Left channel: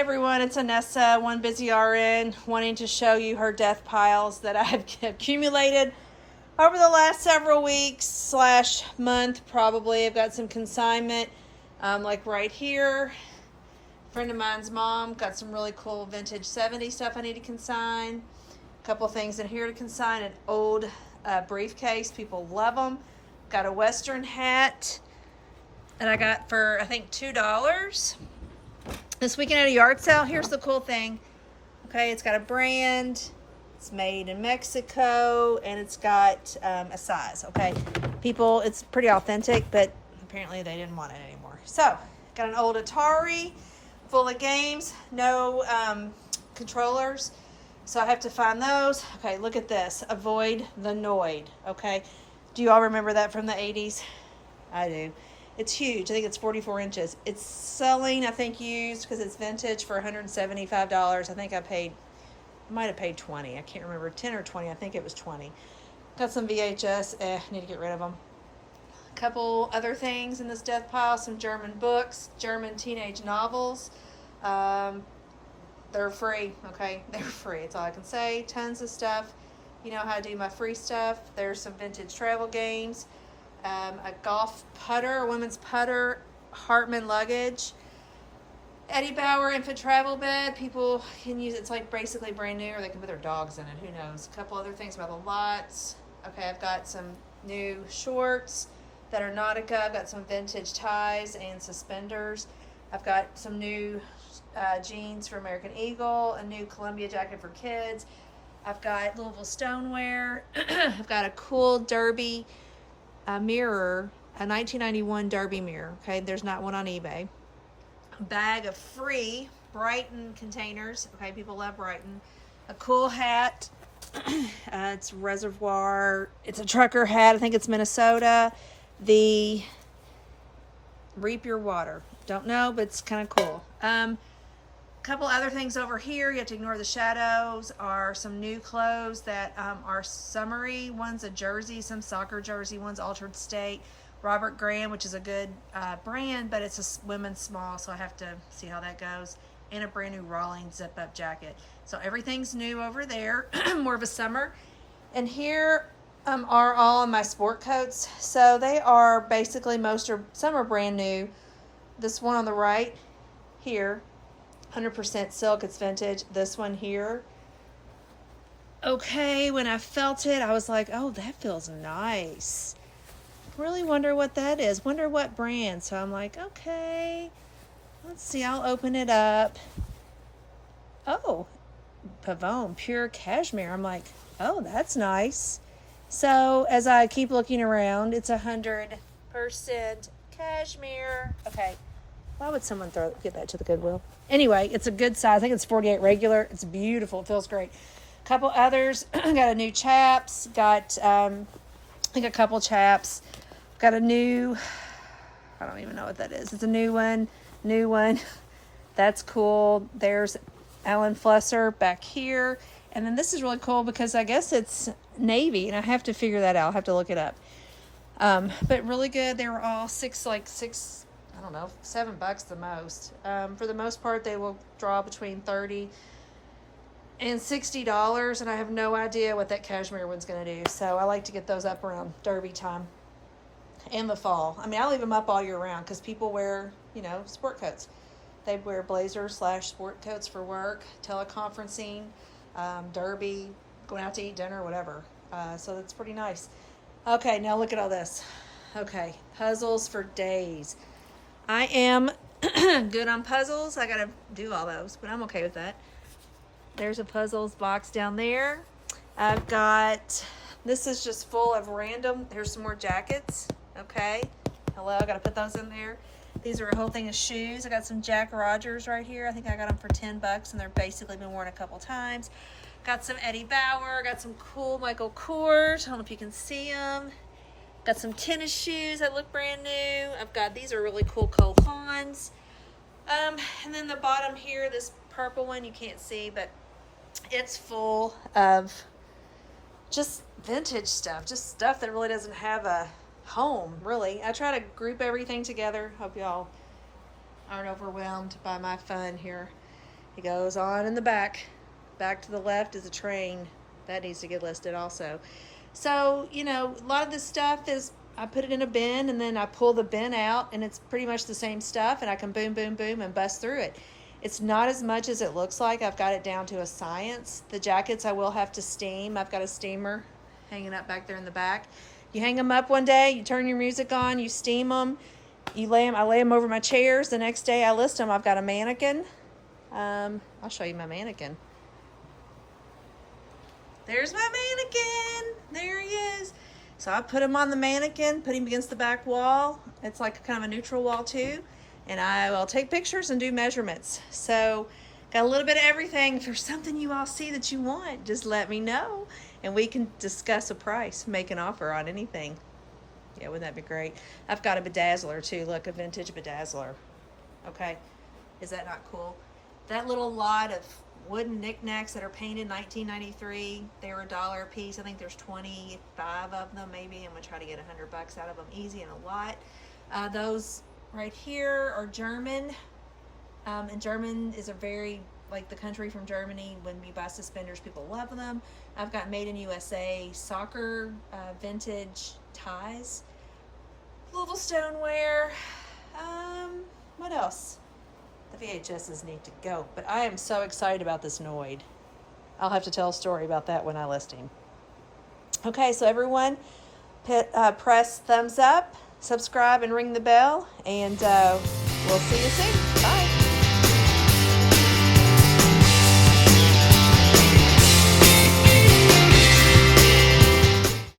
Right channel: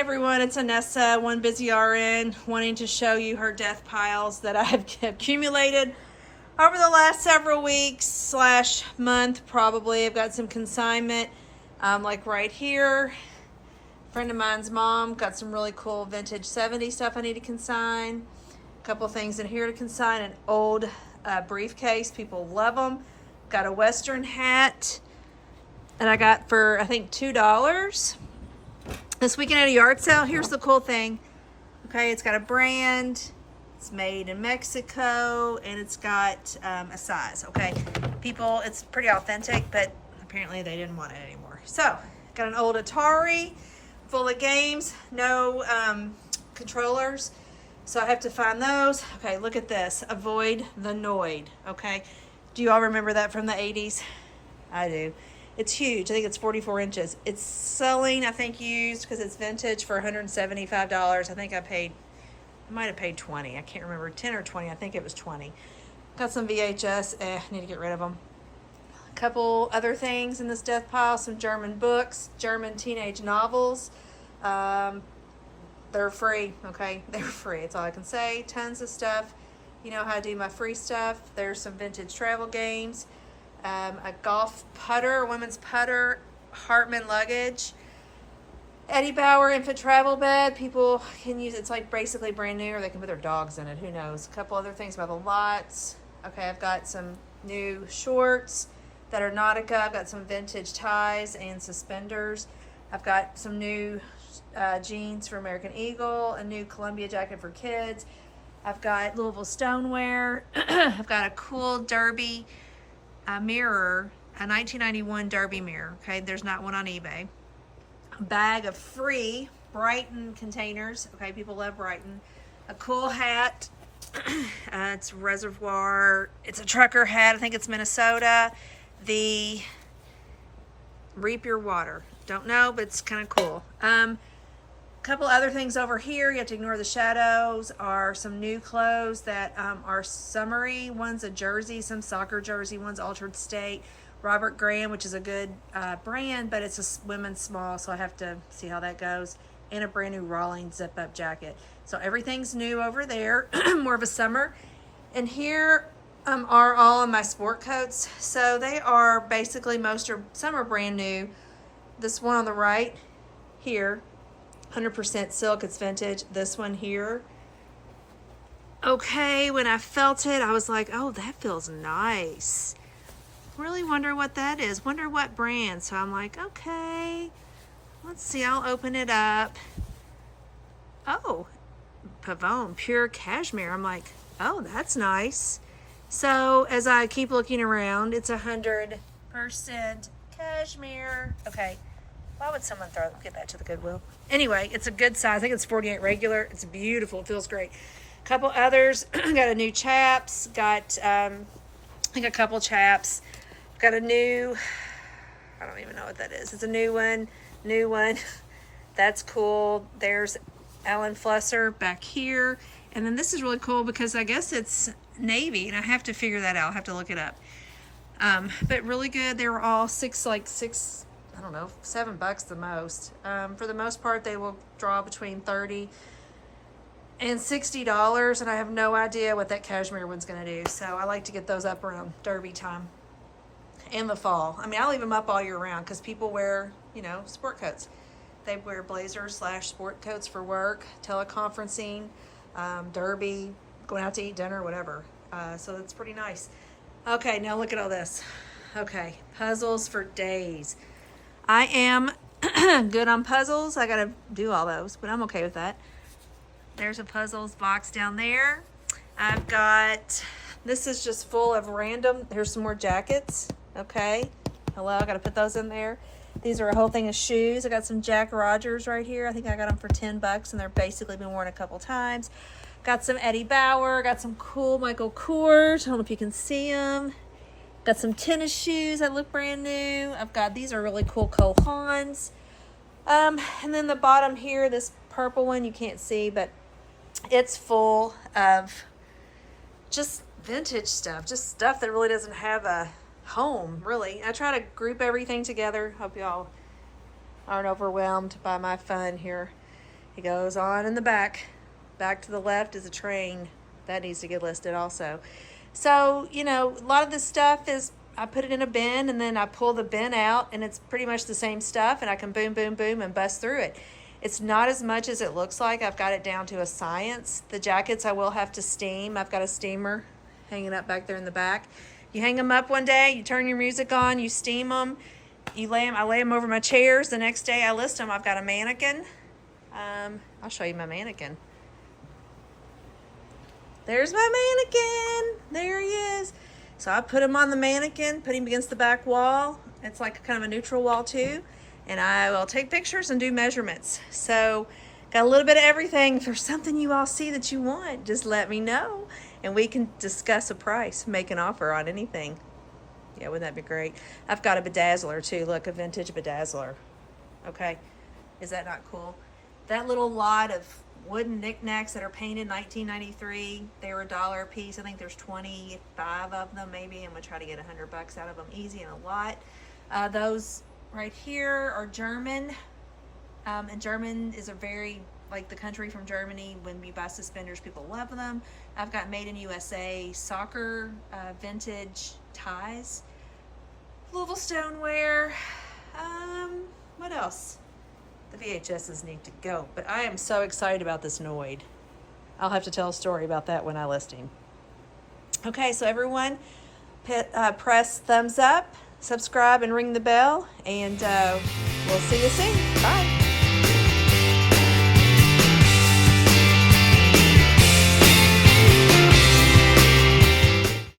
everyone, it's Anessa, One Busy RN, wanting to show you her death piles that I have accumulated over the last several weeks slash month probably. I've got some consignment, like right here. A friend of mine's mom got some really cool vintage 70s stuff I need to consign. A couple things in here to consign. An old briefcase, people love them. Got a Western hat that I got for I think $2 this weekend at a yard sale. Here's the cool thing. Okay, it's got a brand, it's made in Mexico, and it's got a size. Okay, people, it's pretty authentic, but apparently they didn't want it anymore. So got an old Atari full of games, no controllers, so I have to find those. Okay, look at this. Avoid the Noid. Okay, do you all remember that from the 80s? I do. It's huge. I think it's 44 inches. It's selling, I think, used because it's vintage for $175. I think I might have paid 20. I can't remember, 10 or 20. I think it was 20. Got some VHS. Need to get rid of them. A couple other things in this death pile. Some German books, German teenage novels. They're free, okay? They're free. That's all I can say. Tons of stuff. You know how I do my free stuff. There's some vintage travel games. A golf putter, a women's putter, Hartman luggage, Eddie Bauer infant travel bed. People can use it. It's like basically brand new, or they can put their dogs in it. Who knows? A couple other things about the lots. Okay, I've got some new shorts that are Nautica. I've got some vintage ties and suspenders. I've got some new jeans for American Eagle, a new Columbia jacket for kids. I've got Louisville stoneware. I've got a cool Derby mirror, a 1991 Derby mirror. Okay, there's not one on eBay. A bag of free Brighton containers. Okay, people love Brighton. A cool hat. It's Reservoir. It's a trucker hat. I think it's Minnesota. The Reap Your Water. Don't know, but it's kind of cool. Couple other things over here. You have to ignore the shadows. Are some new clothes that are summery. One's a jersey, some soccer jersey. One's Altered State. Robert Graham, which is a good brand, but it's a women's small, so I have to see how that goes. And a brand new Rawlings zip-up jacket. So everything's new over there. More of a summer. And here are all of my sport coats. So they are basically some are brand new. This one on the right here, 100% silk, it's vintage. This one here, okay, when I felt it, I was like, oh, that feels nice. Really wonder what that is. Wonder what brand. So I'm like, okay, let's see. I'll open it up. Oh, Pavone, pure cashmere. I'm like, oh, that's nice. So as I keep looking around, it's 100% cashmere. Okay. Why would someone get that to the Goodwill? Anyway, it's a good size. I think it's 48 regular. It's beautiful. It feels great. A couple others. Got a new chaps. Got, I think a couple chaps. Got a new, I don't even know what that is. It's a new one. New one. That's cool. There's Alan Flusser back here. And then this is really cool because I guess it's navy, and I have to figure that out. I'll have to look it up. But really good. They were all six, I don't know, $7 the most. For the most part, they will draw between $30 and $60, and I have no idea what that cashmere one's going to do. So I like to get those up around Derby time and the fall. I mean, I leave them up all year round because people wear, sport coats. They wear blazers / sport coats for work, teleconferencing, Derby, going out to eat dinner, whatever. So that's pretty nice. Okay, now look at all this. Okay, puzzles for days. I am good on puzzles. I gotta do all those, but I'm okay with that. There's a puzzles box down there. I've got, this is just full of random, here's some more jackets. Okay, hello, I gotta put those in there. These are a whole thing of shoes. I got some Jack Rogers right here. I think I got them for $10, and they're basically been worn a couple times. Got some Eddie Bauer. Got some cool Michael Kors. I don't know if you can see them. Got some tennis shoes that look brand new. I've got, these are really cool Cole Haans. And then the bottom here, this purple one, you can't see, but it's full of just vintage stuff. Just stuff that really doesn't have a home, really. I try to group everything together. Hope y'all aren't overwhelmed by my fun here. It goes on in the back. Back to the left is a train. That needs to get listed also. So, you know, a lot of this stuff is, I put it in a bin and then I pull the bin out and it's pretty much the same stuff and I can boom, boom, boom and bust through it. It's not as much as it looks like. I've got it down to a science. The jackets I will have to steam. I've got a steamer hanging up back there in the back. You hang them up one day, you turn your music on, you steam them, I lay them over my chairs. The next day I list them. I've got a mannequin. I'll show you my mannequin. There's my mannequin. There he is. So I put him on the mannequin, put him against the back wall. It's like kind of a neutral wall too. And I will take pictures and do measurements. So got a little bit of everything. If there's something you all see that you want, just let me know. And we can discuss a price, make an offer on anything. Yeah, wouldn't that be great? I've got a bedazzler too. Look, a vintage bedazzler. Okay, is that not cool? That little lot of wooden knickknacks that are painted 1993, they were $1 a piece. I think there's 25 of them maybe. I'm gonna try to get $100 out of them easy and a lot. Those right here are German. And German is a very, like the country from Germany, when we buy suspenders, people love them. I've got made in USA soccer vintage ties, little stoneware. What else? The VHSs need to go, but I am so excited about this Noid. I'll have to tell a story about that when I list him. Okay, so everyone, press thumbs up, subscribe, and ring the bell, and we'll see you soon.